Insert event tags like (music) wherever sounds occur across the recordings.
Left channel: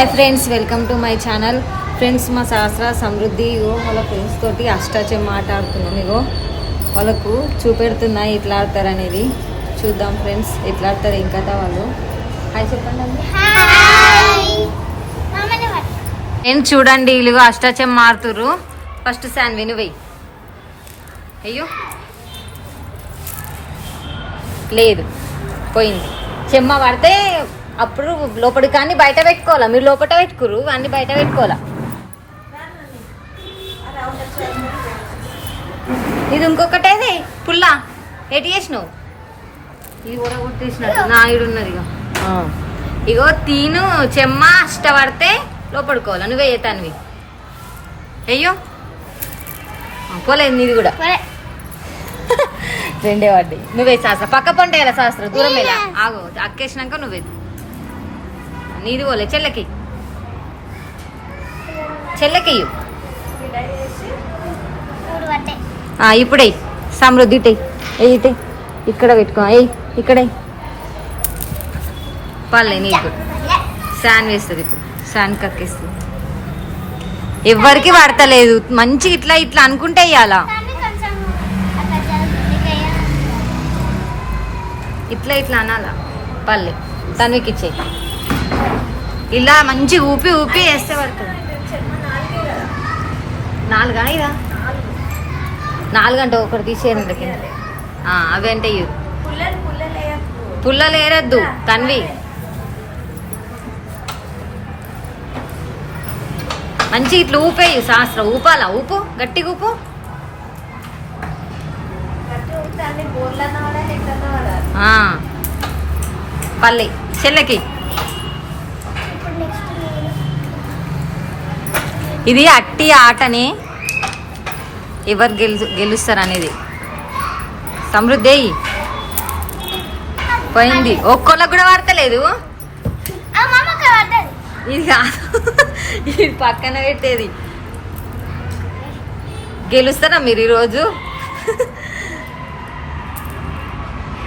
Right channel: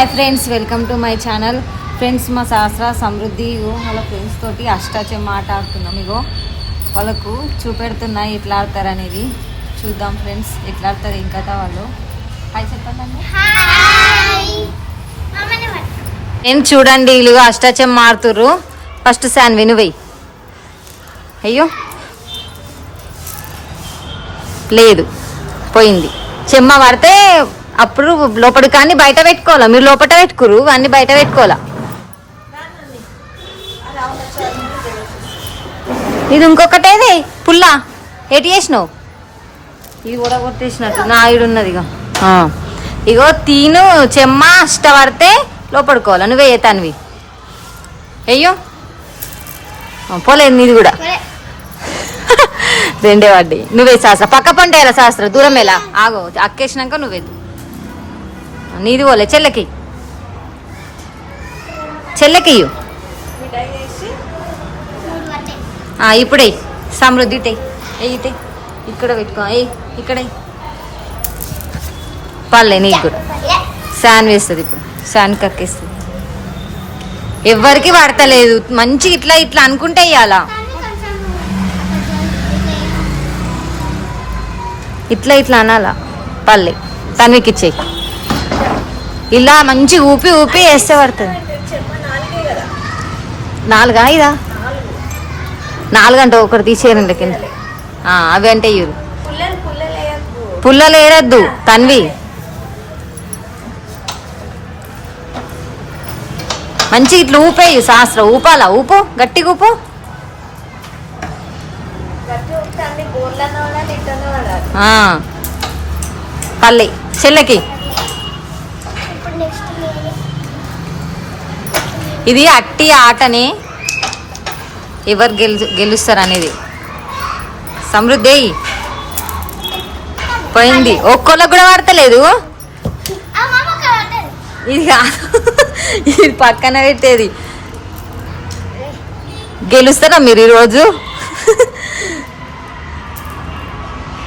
Hi friends welcome to my channel friends మా సహస్ర సమృద్ధి ఇగో వాళ్ళ friends తోటి అష్టాచెమ్మ ఆట ఆడుతున్నాం ఇగో. వాళ్ళకు చూపెడుతున్నా ఎట్లా ఆడతారు అనేది. చూద్దాం ఫ్రెండ్స్ ఎట్లా ఆడతారు ఇంకా వాళ్ళు హాయ్ చెప్పండి నేను చూడండి వీళ్ళు అష్టాచెమ్మ ఆడుతుర్రు ఫస్ట్ శాన్వి నువ్వెయ్యి అయ్యో. లేదు. పోయింది. చెమ్మ పడితే అప్పుడు లోపల కానీ బయట పెట్టుకోవాలా? మీరు లోపల పెట్టుకురు అన్ని బయట పెట్టుకోవాలా? ఇది ఇంకొకటేది? పుల్ల ఎటు చేసినావు? ఇది కూడా కొట్టేసినట్టు నా ఈడు ఉన్నది ఇగో. తీను చెమ్మ అష్ట పడితే లోపడుకోవాలా? నువ్వే తనివి అయ్యో. పోలేదు నీది కూడా. (laughs) రెండే వాడి నువ్వే శాస్త్ర. పక్క పంట ఎలా శాస్త్ర? దూరం ఎలా? ఆగో అక్కేసినాక నువ్వే. నీది పోలే చెల్లకి. చెల్లకి ఇప్పుడే సమృద్ధి ఇటే ఇటే ఇక్కడ పెట్టుకున్నా ఏ ఇక్కడే పర్లే నీకు కూడా. శాన్ వేస్తుంది ఇప్పుడు. శాన్ కక్కేస్తుంది. ఎవ్వరికి పడతలేదు. మంచి ఇట్లా ఇట్లా అనుకుంటే ఇయ్యాలా? ఇట్లా ఇట్లా అనాలా? పల్లె తన్వికి ఇచ్చేయి ఇలా మంచి ఊపి ఊపి వేస్తే పడుతుంది. నాలుగా ఇదా? నాలుగు అంటే ఒకటి తీసేయండి కింద అవి అంటే ఇవ్వరు పుల్లలు వేయరద్దు తన్వి. మంచి ఇట్లా ఊపేయి శాస్త్ర. ఊపాలా? ఊపు? గట్టిగా ఊపు? పల్లి చెల్లకి. ఇది అట్టి ఆటని ఎవరు గెలు గెలుస్తారు అనేది సమృద్ధి. పోయింది. ఒక్కోళ్ళకి కూడా వాడతలేదు. ఇది కాదు ఇది పక్కన పెట్టేది. గెలుస్తారా మీరు ఈరోజు?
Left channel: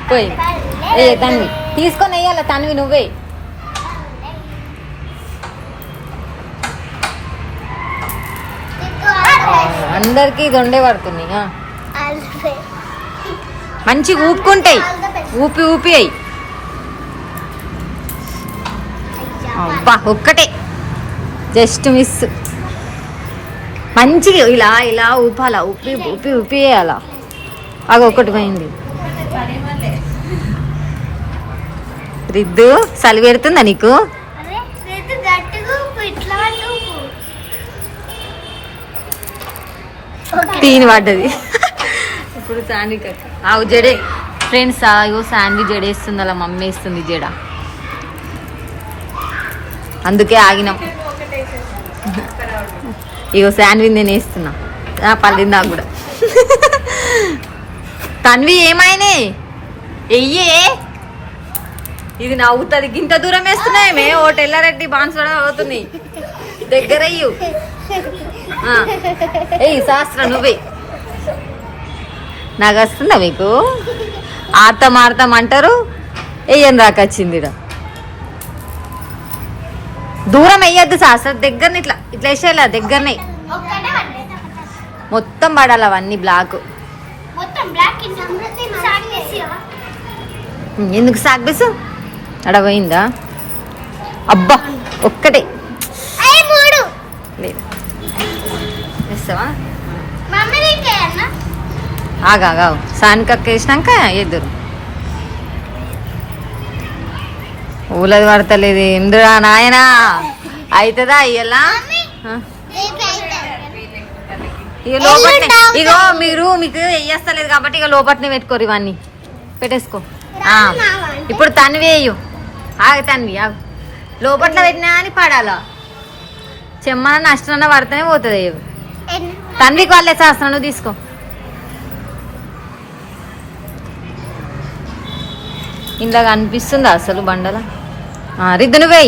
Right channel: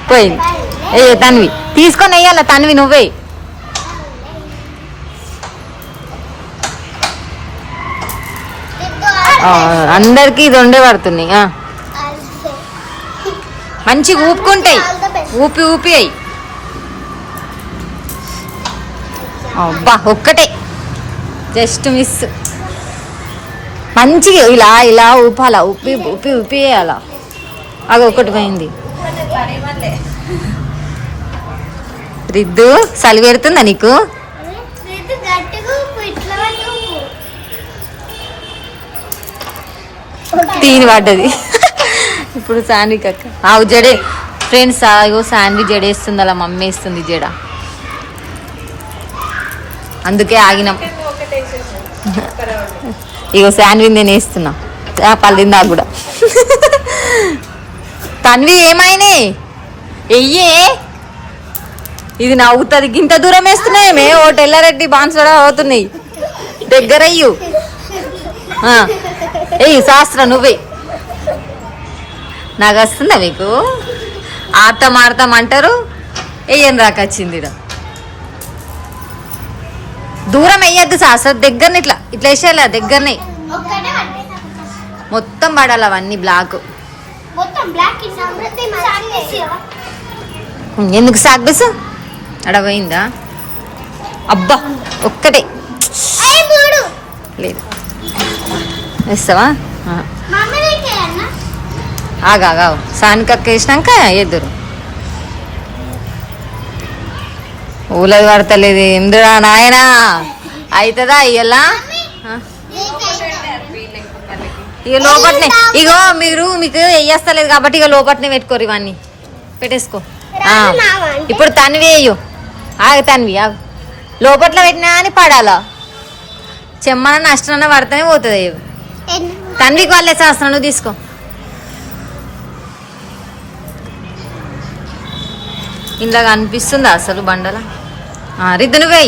పోయింది. ఏ తన్వి తీసుకొని వెయ్యాల? తన్వి నువ్వే. అందరికి ఇది రెండే పడుతున్నాయి మంచిగా ఊపుకుంటాయి. ఊపి ఊపి అయి. అబ్బా ఒక్కటే. Just miss. మంచిగా ఇలా ఇలా ఊపాలా ఉప్పి ఉప్పి ఊపి వేయాలా అది ఒకటి పోయింది. రిద్దు చలి పెడుతుందా నీకు? తీని పడ్డది. ఇప్పుడు శాండ్విచ్ అక్క. ఆవు జడే. ఫ్రెండ్స్ అయ్యో శాండ్విచ్ జడేస్తుంది అలా మమ్మీ వేస్తుంది జడ. అందుకే ఆగినాం. ఇగో శాండ్విచ్ నేను వేస్తున్నా. ఆ, పల్లింది నాకు కూడా. తన్వి ఏమైనా ఎయ్యే. ఇది నవ్వుతుంది. ఇంత దూరం వేస్తున్నాయేమే ఓ టెల్లారెడ్డి బాన్సడా అవుతున్నాయి. దగ్గర ఏయ్ శాస్త్ర నువ్వే. నాకు వస్తుందా మీకు? ఆడతాం ఆడతాం అంటారు. వెయ్యని రాకొచ్చింది ఈడ. దూరం వెయ్యొద్దు శాస్త్ర దగ్గరని ఇట్లా ఇట్లా వేసేయాల దగ్గరనే. మొత్తం పడాలి అవన్నీ బ్లాక్. ఎందుకు సాగ్బెస్ అడ పోయిందా? అబ్బా ఒక్కటే. లేదు. వేస్తావా ఆ. మమ్మీ రింకే అన్న ఆగాగావు సానికక్క వేసినాక ఎదురు. ఊలది పడతలేదు. ఎందురా నాయనా? అవుతుందా ఇయ్యలా? ఇక లోపట్నే. ఇగో మీరు మీకు వేయస్తలేదు కాబట్టి ఇక లోపట్నే పెట్టుకోరు ఇవన్నీ. పెట్టేసుకో. ఇప్పుడు తన్వి వేయు. ఆగ తన్వి ఆగు. లోపట్ల పెట్టినా అని పడాలా? చెమ్మన నష్టం పడితేనే పోతుంది. కన్విక్ వాళ్ళే చేస్తున్నా నువ్వు తీసుకో. ఇంట్లో అనిపిస్తుంది అసలు బండల? రిద్దు నువ్వే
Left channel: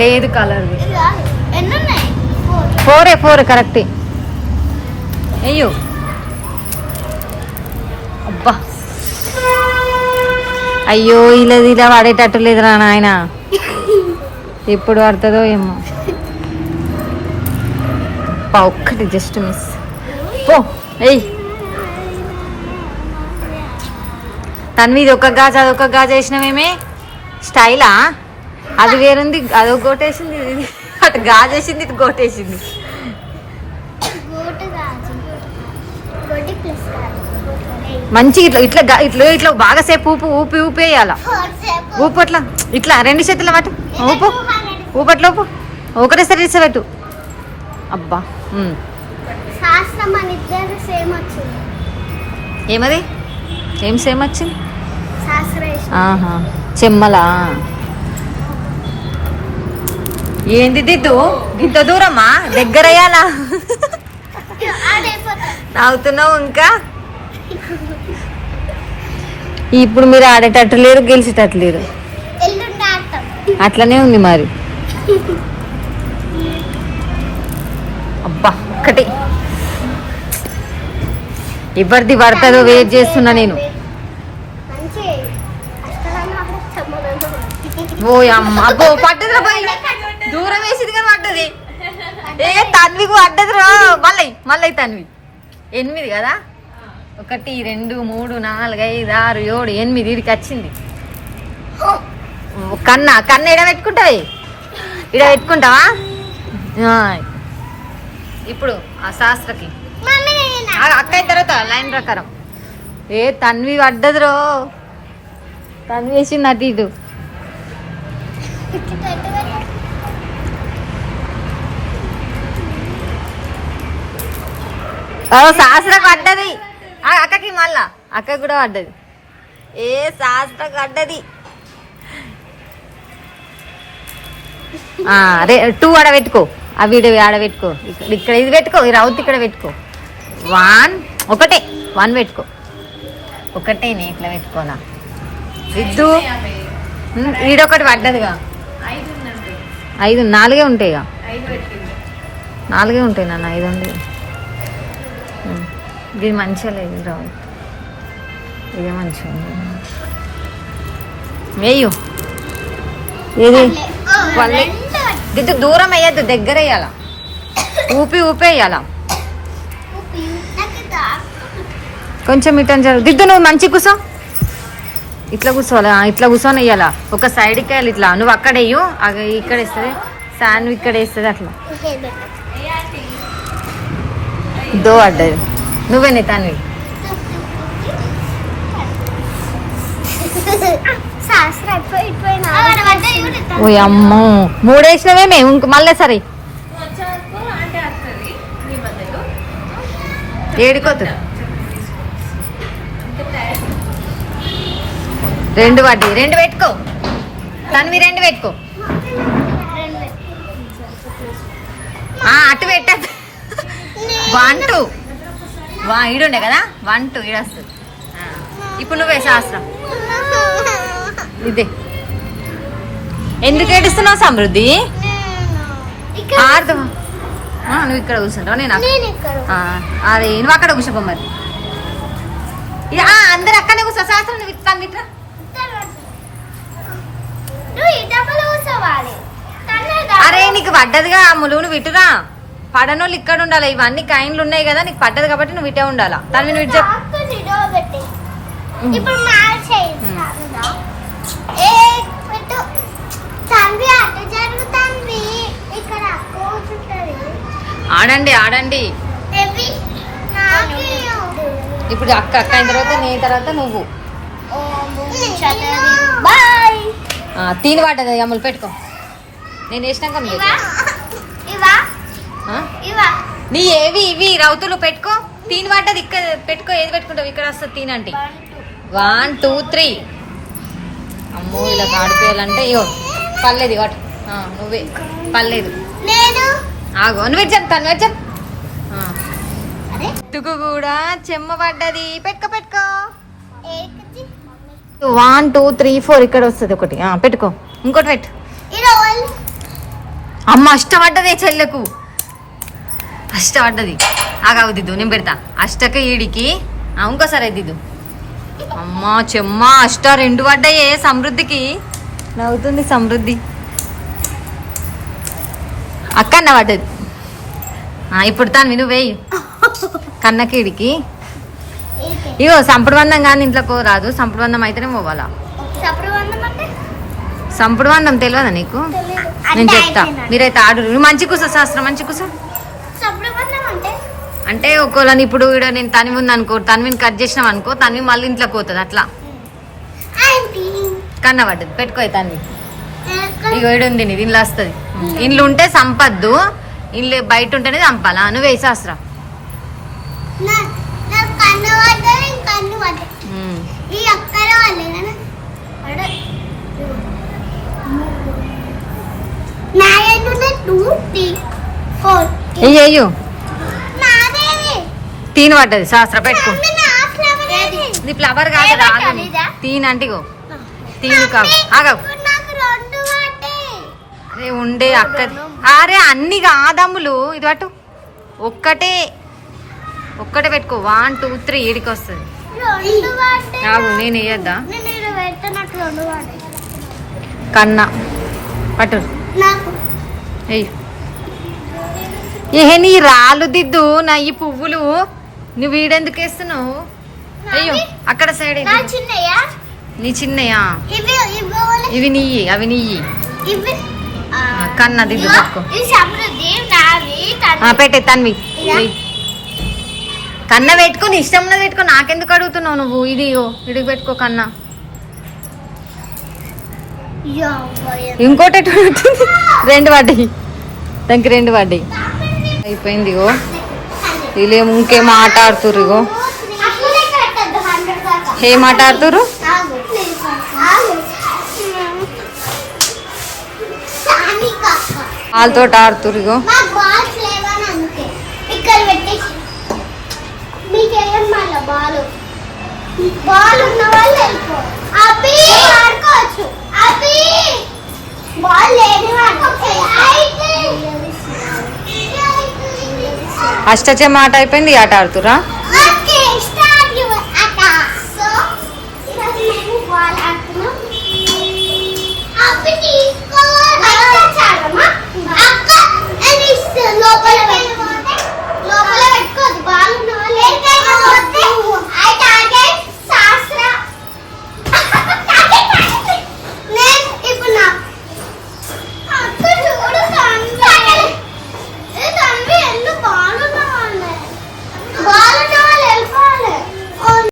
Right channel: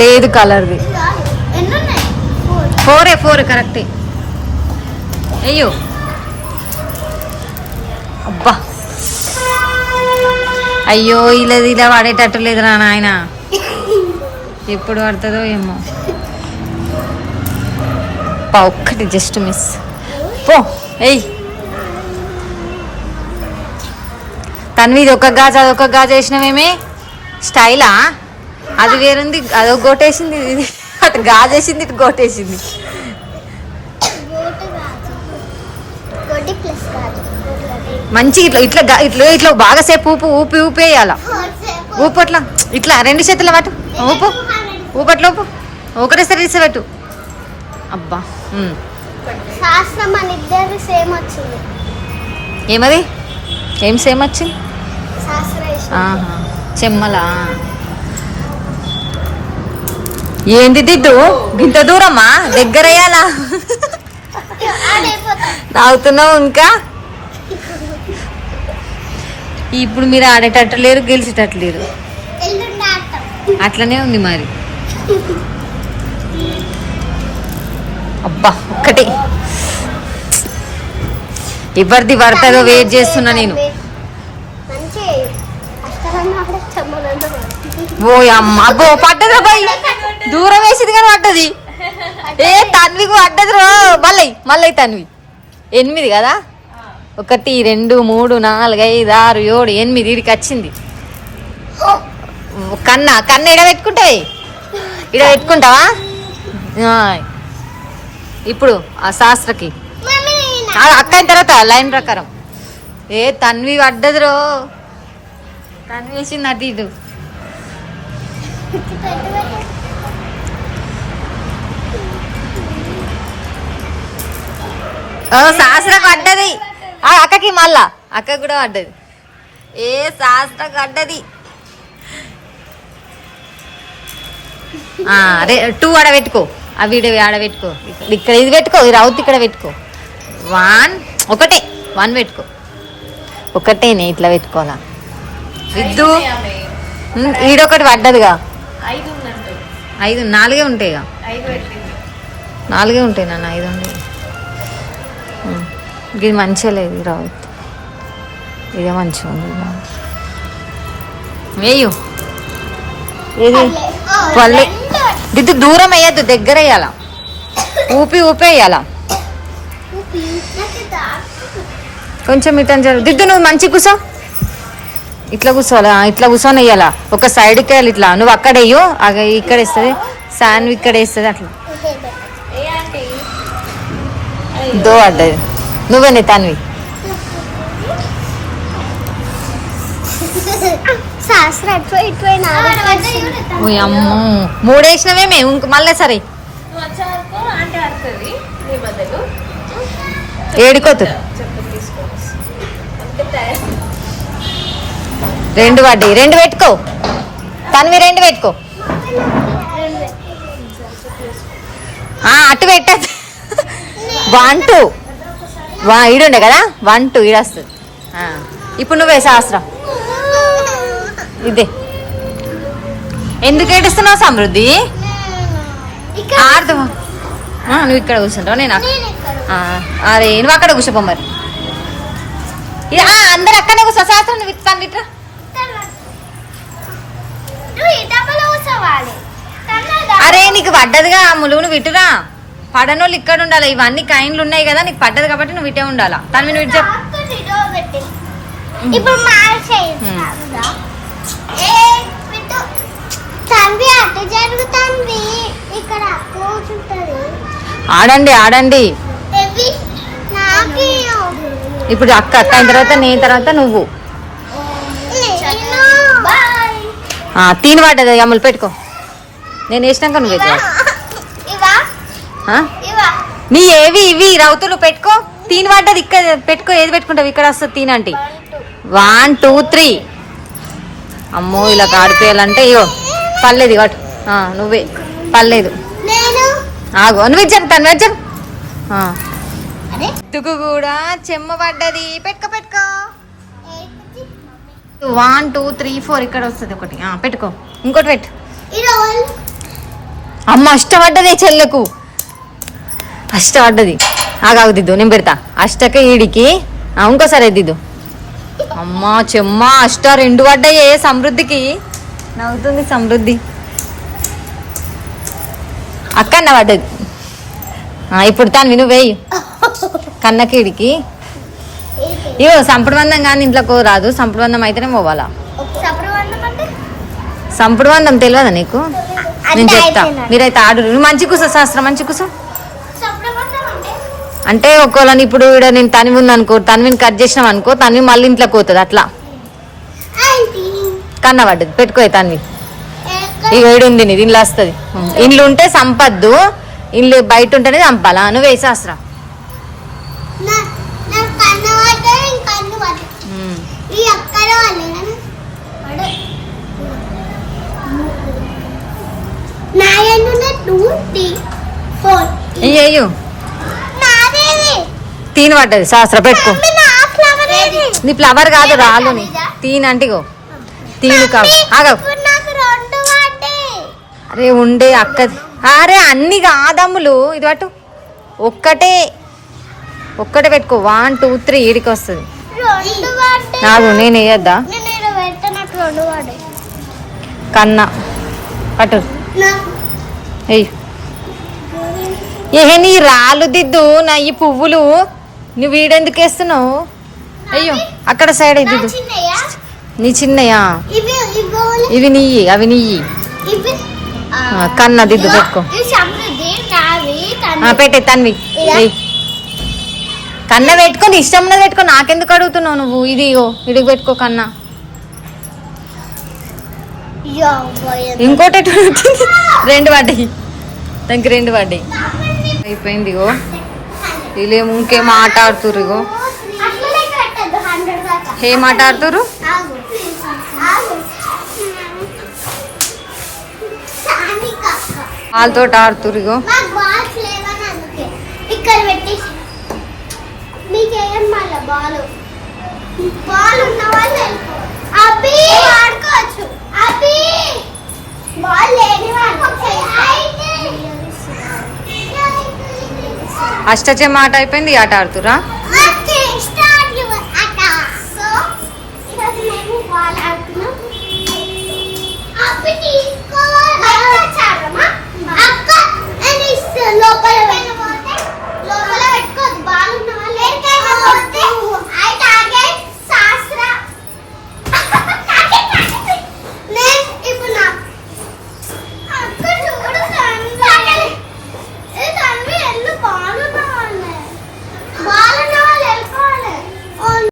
లేదు కలర్ది ఫోర్ ఫోరే ఫోర్ కరెక్ట్. అయ్యో. అబ్బా. అయ్యో ఇలా ఇలా వాడేటట్టు లేదురా నాయన. ఎప్పుడు పడుతుందో ఏమో. పా ఒక్కటి జస్ట్ మిస్ పో ఎయ్ తన్వి ఇది ఒక గాజు అదొక గాజు వేసినామేమే స్టైలా? అది వేరుంది అదొక గోటేసింది ఇది అటు గాజేసింది ఇటు గోటేసింది మంచి ఇట్లా ఇట్లా ఇట్లా ఇట్లా బాగా సేపు ఊపు ఊపి ఊపి వేయాల? ఊపు అట్లా ఇట్లా రెండు చేతుల మాట ఊపు. ఊపట్ల ఊపు ఒకటేసారి ఇసబెట్టు అబ్బా ఏమది? ఏం సేమ్ వచ్చింది? చెమ్మలా. ఏంది దిద్దు? ఇంత దూరమ్మా దగ్గరయ్యాలా? నవ్వుతున్నావు ఇంకా? ఇప్పుడు మీరు ఆడేటట్టు లేరు గెలిచేటట్టు లేరు. అట్లనే ఉంది మరి. అబ్బా ఒక్కటి. ఎవరిది పడుతుందో వెయిట్ చేస్తున్నా నేను. ఓ అమ్మ అబ్బో పడ్డదిరా బాయ్. దూరం వేసింది కానీ పడ్డది. ఏ తన్వికి పడ్డదురా. మళ్ళీ మళ్ళీ తన్వి. ఎనిమిది కదా? ఒకటి రెండు మూడు నాలుగు ఐదు ఆరు ఏడు ఎనిమిది ఇడికి వచ్చింది. కన్న ఎక్కడ ఇడ ఇడ పెట్టుకుంటావా. ఇప్పుడు ఆ శాస్త్రకి. అక్క అయిన తర్వాత లైన్ ప్రకారం. ఏ తన్వి పడ్డదిరో. తన్వి వేసింది అటు ఇటు. ఓ శాస్త్రకు పడ్డది. ఆ, అక్కకి మళ్ళా. అక్క కూడా పడ్డది. ఏ శాస్త్రకు పడ్డది? రే టూ ఆడ పెట్టుకో. వీడియో ఆడ పెట్టుకో. ఇక్కడ ఇక్కడ ఇది పెట్టుకో ఈ రౌత్ ఇక్కడ పెట్టుకో. వన్ ఒకటే. వన్ పెట్టుకో. ఒకటేనే ఇట్లా పెట్టుకోవాలా. విద్దు? ఈడొకటి పడ్డదిగా. ఐదు నాలుగే ఉంటాయిగా నాలుగే ఉంటాయి నాన్న ఐదు ఉండే. ఉమ్, ఇది మంచిగా లేదు రౌత్. ఇదే మంచిగా ఉంది వేయు. పల్లె. దిద్దు దూరం వేయద్దు దగ్గర వేయాల ఊపి ఊపి వేయాల కొంచెం ఇటని జరు దిద్దు నువ్వు మంచి కూసో. ఇట్లా కూర్చోవాలా ఇట్లా కూర్చొని వేయాలా ఒక సైడ్కి వేయాలి ఇట్లా. నువ్వు అక్కడ వేయు ఇక్కడ వేస్తుంది. శాన్ ఇక్కడ వేస్తుంది అట్లా. దో అడ్డది. నువ్వేనే తన్వి. అమ్మో. మూడేసినవే మేము ఇంక మళ్ళీ సరే. ఏడుకోతు. రెండు పడ్డాయి. రెండు పెట్టుకో. తన్వి రెండు పెట్టుకో. అటు పెట్టదు వన్ టూ. వా ఈడుండే కదా? వన్ టూ ఈడొస్తుంది. ఇప్పుడు నువ్వే శాస్త్రం. ఇదే. ఎందుకు ఏడుస్తున్నావు సమృద్ధి? ఇక్కడ ఆడదామా ఆ, నువ్వు ఇక్కడ కూర్చుంటావు? నేను? అరే నువ్వు అక్కడ కూర్చోపో మరి. అందరు అక్కడే కూర్చో. శాస్త్రం నువ్వు ఇట్లా ఇట్లా అరే నీకు పడ్డదిగా అమ్ములు నువ్వు ఇటురా పడనోళ్ళు ఇక్కడ ఉండాలి. ఇవన్నీ కైన్లు ఉన్నాయి కదా నీకు పడ్డది కాబట్టి నువ్వు ఇటే ఉండాలా. తను నువ్వు ఇటు చెప్పు పెట్టి ఇప్పుడు మార్చేయి ఉమ్. ఏ పెట్టు అటు ఇక్కడ కూర్చుంటది ఆడండి ఆడండి. ఇప్పుడు అక్క అక్క తర్వాత నేను తర్వాత నువ్వు. తీని పడ్డది అమ్ములు పెట్టుకో. నేను వేసినాక నువ్వు నీ ఏవి ఇవి రౌతులు పెట్టుకో. తీని పడ్డది ఇక్కడ పెట్టుకో ఏది పెట్టుకుంటావు? ఇక్కడ వస్తుంది తీని అంటే వన్ టూ. త్రీ. అమ్మో ఇలా కాడిపోయాలంటే ఇగో. పర్లేదు ఇగోటి ఆ, నువ్వే. పర్లేదు. ఆగు. నువ్వు చెప్తాను చెప్పు తుకు కూడా చెమ్మ పడ్డది. పెట్టుకో పెట్టుకో. వన్ టూ త్రీ ఫోర్ ఇక్కడ వస్తుంది ఒకటి. పెట్టుకో. ఇంకోటి పెట్టు. అమ్మ అష్టపడ్డదే చెల్లెకు. అష్టపడ్డది. ఆగాగు దిద్దు. నేను పెడతా. అష్టక ఈడికి. ఇంకోసారి దిద్దు. అమ్మా చెమ్మ అష్ట రెండు పడ్డాయే సమృద్ధికి. నవ్వుతుంది సమృద్ధి. అక్కన్న పడ్డది ఆ, ఇప్పుడు తాను విను వేయి. కన్నకీడికి ఇవో వందం కానీ ఇంట్లోకి రాదు. వందం అయితేనే పోవాలా? వందం తెలియదా నీకు? నేను చెప్తా. మీరైతే ఆడు. నువ్వు మంచి కూసో శాస్త్రం మంచి కూసో? అంటే? ఒకవేళ ఇప్పుడు ఇక్కడ నేను తనివి ఉంది అనుకో తనివిని కట్ చేసినాం అనుకో తనివి మళ్ళీ ఇంట్లోకి పోతుంది అట్లా. కన్న పడ్డది. పెట్టుకో తన్వి ఇక ఉంది నీది ఇంట్లో వస్తుంది ఇండ్లు ఉంటే సంపద్దు. ఇల్లు బయట ఉంటేనే చంపాలా? నువ్వు త్రీ ఫోర్ అయ్యో తీని పడ్డది. శాస్త్ర పెట్టుకో. నా ఫ్లవర్ కాదు రాలు తీని అంటే తీని కావు. ఆగవు. అరే ఉండే అక్క. అరే అన్ని కాదమ్ములు. ఇది పట్టు. ఒక్కటే. ఒక్కటే పెట్టుకో. వన్ టూ త్రీ ఈడికి వస్తుంది. నాకు నేను వేయద్దా? కన్నా. పట్టు. ఏ నీ రాళ్ళు దిద్దు నా ఈ పువ్వులు. నువ్వు వీడెందుకు వేస్తున్నావు? అయ్యో అక్కడ సైడ్ దిద్దు. నీ చిన్నయా? ఇవి నీయి అవి నీయి. కన్నా దిద్దు పెట్టుకో. పెట్టే తన్వి. కన్న పెట్టుకో నీ ఇష్టం ఉన్నది పెట్టుకో. నాకెందుకు అడుగుతున్నావు నువ్వు? ఇది ఇడికి పెట్టుకో కన్నా. ఇంకోటి? రెండు పడ్డాయి. దానికి రెండు పడ్డాయి. అయిపోయింది ఇగో. వీళ్ళేమో ఇంకేం ఆట ఆడుతుర్రు ఇగో. ఏం ఆట ఆడుతుర్రు? బాల్? లేని అష్టచమ్మ ఆట అయిపోయింది ఆట ఆడుతురా